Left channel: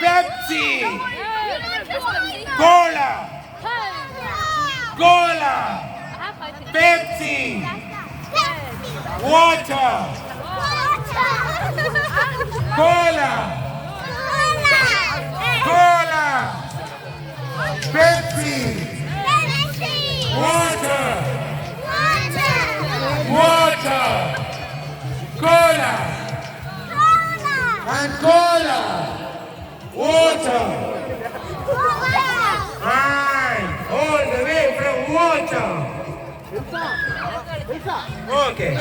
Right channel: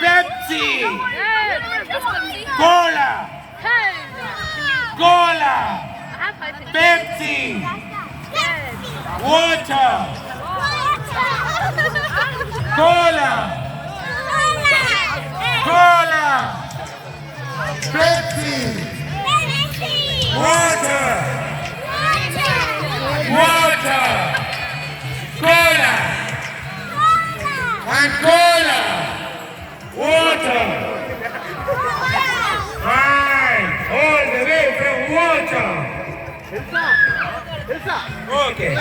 Pepsi. Cola. Cola. Pepsi. Water. Cola. Cola. Pepsi. Water. Water. Cola. And cola. Water. Fine. All the way from water. Okay.